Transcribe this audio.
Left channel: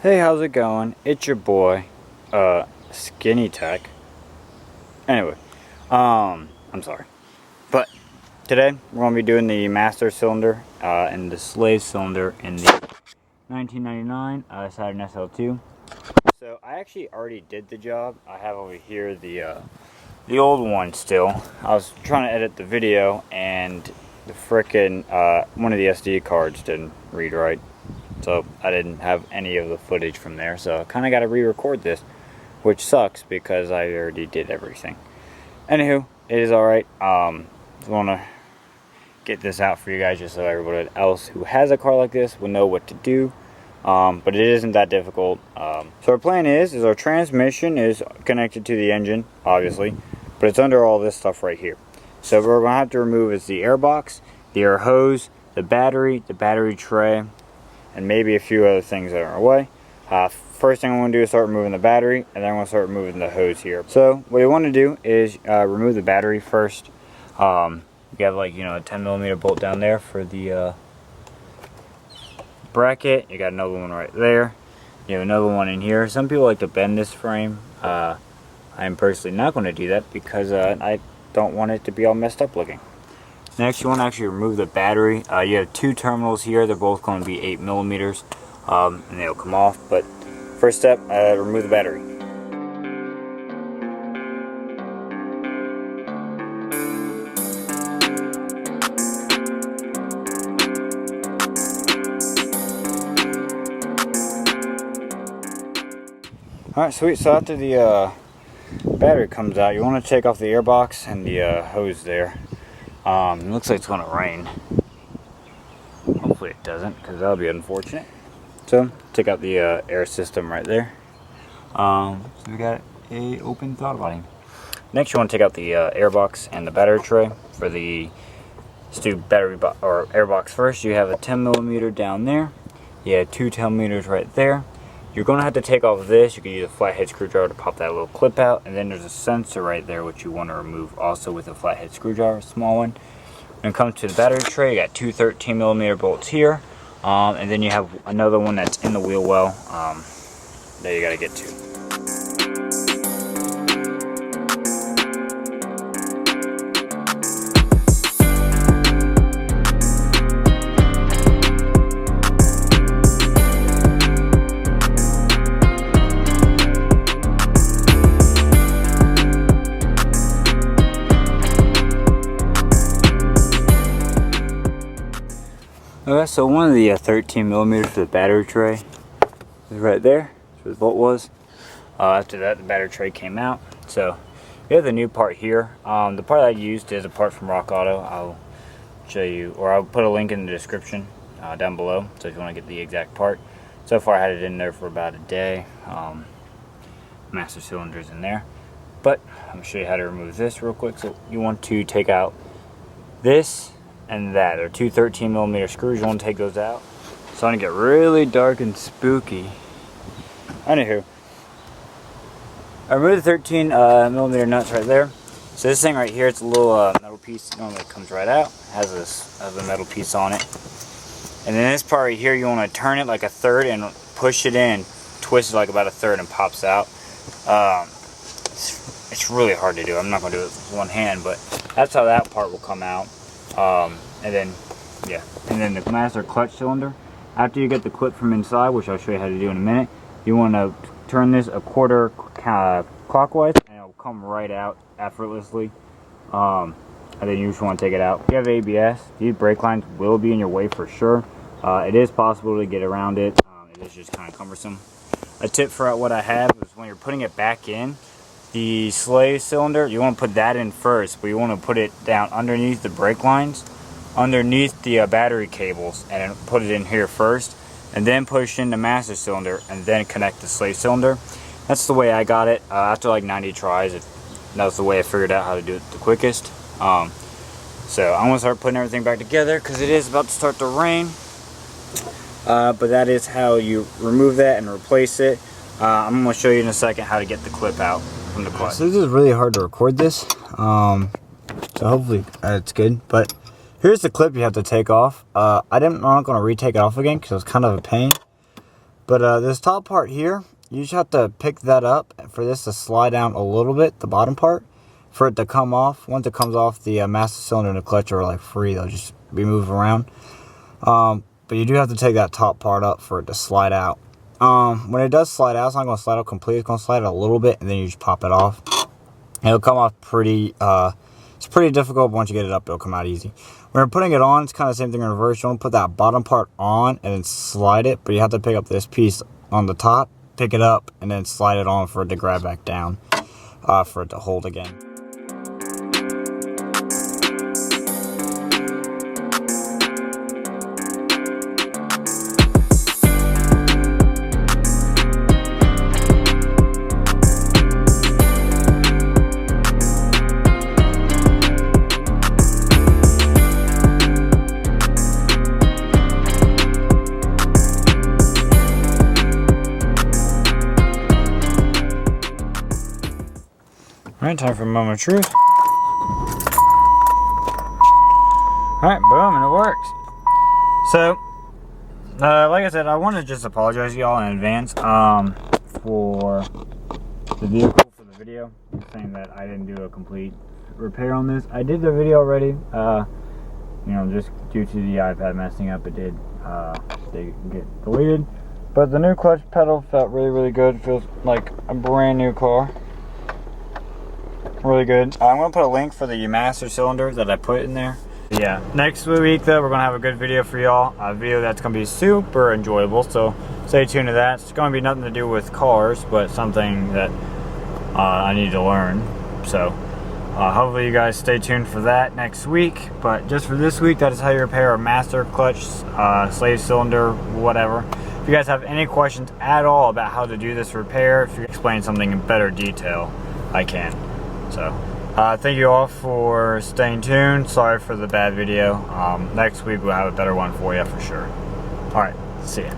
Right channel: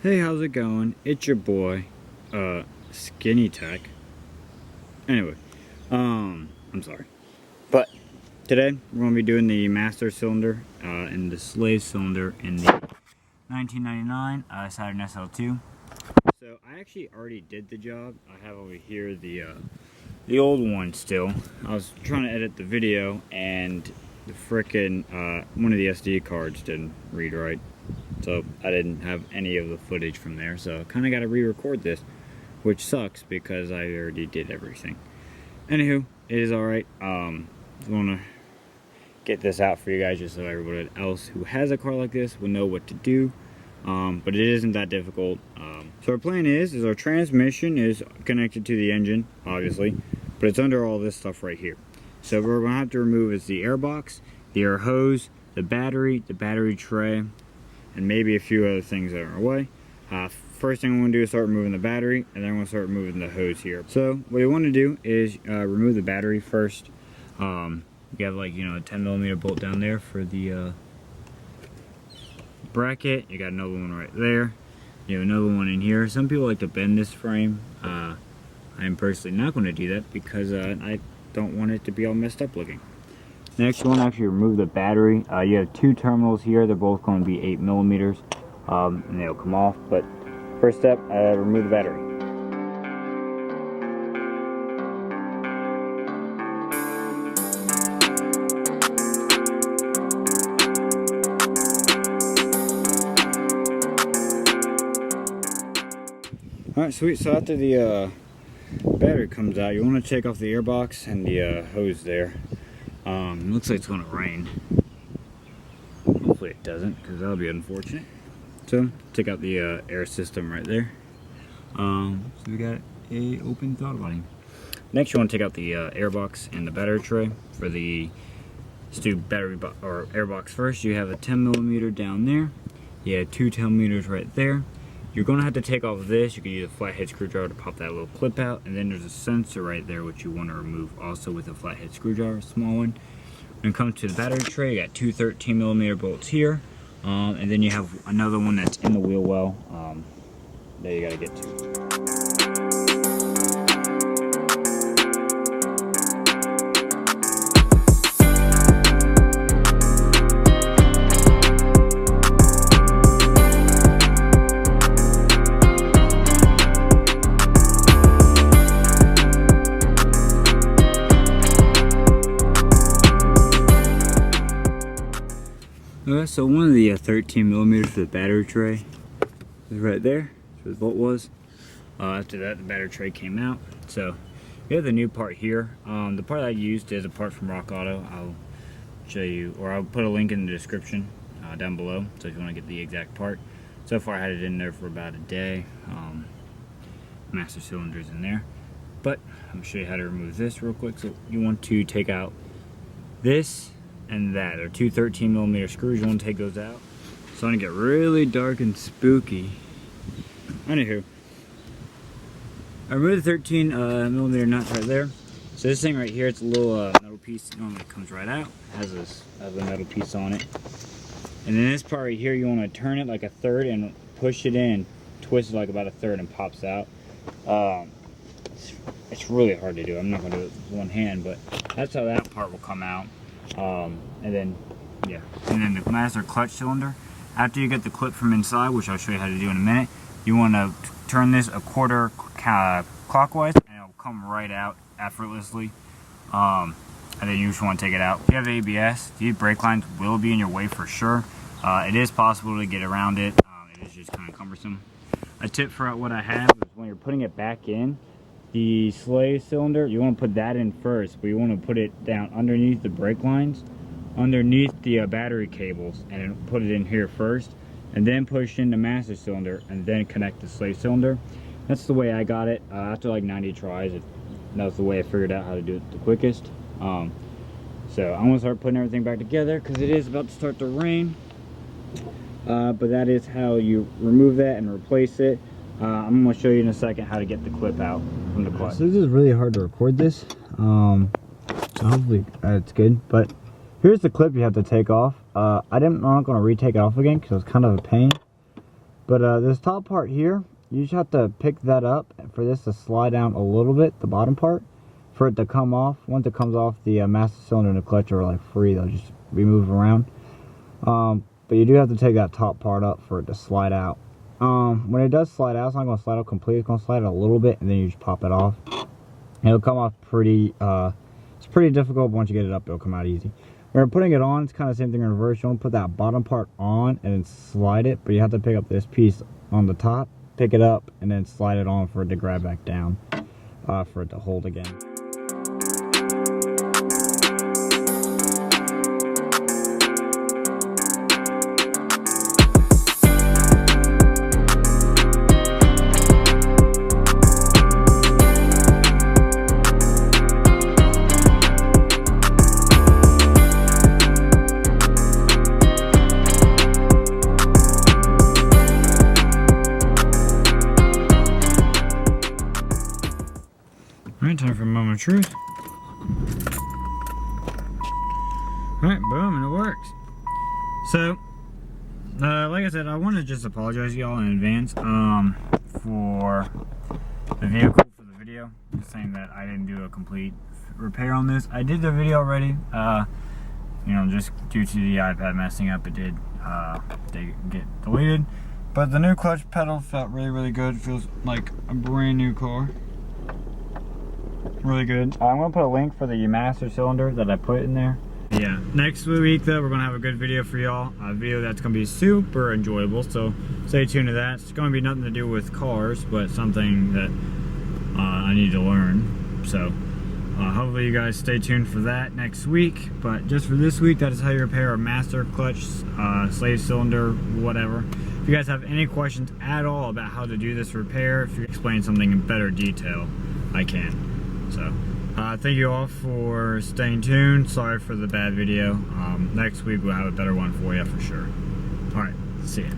Hey, how's it going? It's your boy, Skinny Tech. Anyway, I'm sorry. But today we're gonna be doing the master cylinder and the slave cylinder in the 1999 Saturn SL2. So I actually already did the job. I have over here the old one still. I was trying to edit the video and the frickin' one of the SD cards didn't read right. So I didn't have any of the footage from there, so I kind of got to re-record this, which sucks because I already did everything. Anywho, it is alright. Just want to get this out for you guys just so everybody else who has a car like this will know what to do. But it isn't that difficult. So our plan is our transmission is connected to the engine, obviously, but it's under all this stuff right here. So what we're going to have to remove is the AIRBOX, the air hose, the battery tray, and maybe a few other things that are in our way. First thing I'm going to do is start removing the battery, and then I'm going to start removing the hose here. So what you want to do is remove the battery first. You have a 10mm bolt down there for the bracket. You got another one right there. You have another one in here. Some people like to bend this frame. I'm personally not going to do that because I don't want it to be all messed up looking. Next, you want to actually remove the battery. You have two terminals here. They're both going to be 8mm, and they'll come off. But first step, remove the battery. Alright, sweet. So after the battery comes out, you want to take off the AIRBOX and the hose there. It looks like it's going to rain. Hopefully it doesn't, because that would be unfortunate. So, take out the air system right there. So we got a open throttle body. Next, you want to take out the AIRBOX and the battery tray. For the AIRBOX first, you have a 10mm down there. You have two 10mm right there. You're going to have to take off this. You can use a flathead screwdriver to pop that little clip out. And then there's a sensor right there which you want to remove also with a flathead screwdriver, a small one. When it comes to the battery tray, you got two 13mm bolts here. And then you have another one that's in the wheel well that you got to get to. Okay, so one of the 13mm for the battery tray is right there. That's where the bolt was. After that, the battery tray came out. So we have the new part here. The part I used is a part from Rock Auto. I'll show you, or I'll put a link in the description down below. So if you want to get the exact part. So far, I had it in there for about a day. Master cylinder's in there. But I'm gonna show you how to remove this real quick. So you want to take out this and that. They're two 13mm screws. You want to take those out. It's starting to get really dark and spooky. Anywho, I removed the 13mm nuts right there. So this thing right here, it's a little metal piece. Normally it comes right out. It has a metal piece on it. And then this part right here, you want to turn it like a third and push it in, twist it like about a third, and pops out. It's really hard to do. I'm not going to do it with one hand, but that's how that part will come out. And then the master clutch cylinder, after you get the clip from inside, which I'll show you how to do in a minute, you want to turn this a quarter clockwise and it'll come right out effortlessly. And then you just want to take it out. If you have ABS, these brake lines will be in your way for sure. It is possible to get around it. It is just kind of cumbersome. A tip for what I have is when you're putting it back in, the slave cylinder, you want to put that in first, but you want to put it down underneath the brake lines, underneath the battery cables, and put it in here first, and then push in the master cylinder, and then connect the slave cylinder. That's the way I got it. After like 90 tries, that was the way I figured out how to do it the quickest. So I'm going to start putting everything back together because it is about to start to rain. But that is how you remove that and replace it. I'm going to show you in a second how to get the clip out from the clutch. So this is really hard to record this, so hopefully it's good. But here's the clip you have to take off. I'm not going to retake it off again because it was kind of a pain. But this top part here, you just have to pick that up for this to slide down a little bit, the bottom part, for it to come off. Once it comes off, the master cylinder and the clutch are like free. They'll just be moved around. But you do have to take that top part up for it to slide out. When it does slide out, it's not going to slide out completely. It's going to slide out a little bit, and then you just pop it off. And it'll come off pretty, it's pretty difficult, but once you get it up, it'll come out easy. When you're putting it on, it's kind of the same thing in reverse. You want to put that bottom part on and then slide it, but you have to pick up this piece on the top, pick it up, and then slide it on for it to grab back down, for it to hold again. Alright, time for a moment of truth. Alright, boom, and it works. So, like I said, I want to just apologize to y'all in advance for the vehicle, for the video. Saying that I didn't do a complete repair on this. I did the video already. You know, just due to the iPad messing up, it did get deleted. But the new clutch pedal felt really, really good. It feels like a brand new car. Really good. I'm going to put a link for the master cylinder that I put in there. Yeah, next week though, we're going to have a good video for y'all. A video that's going to be super enjoyable, so stay tuned to that. It's going to be nothing to do with cars, but something that I need to learn. So hopefully you guys stay tuned for that next week. But just for this week, that is how you repair a master clutch, slave cylinder, whatever. If you guys have any questions at all about how to do this repair, if you explain something in better detail, I can. So, thank you all for staying tuned. Sorry for the bad video. Next week we'll have a better one for you for sure. Alright, see ya.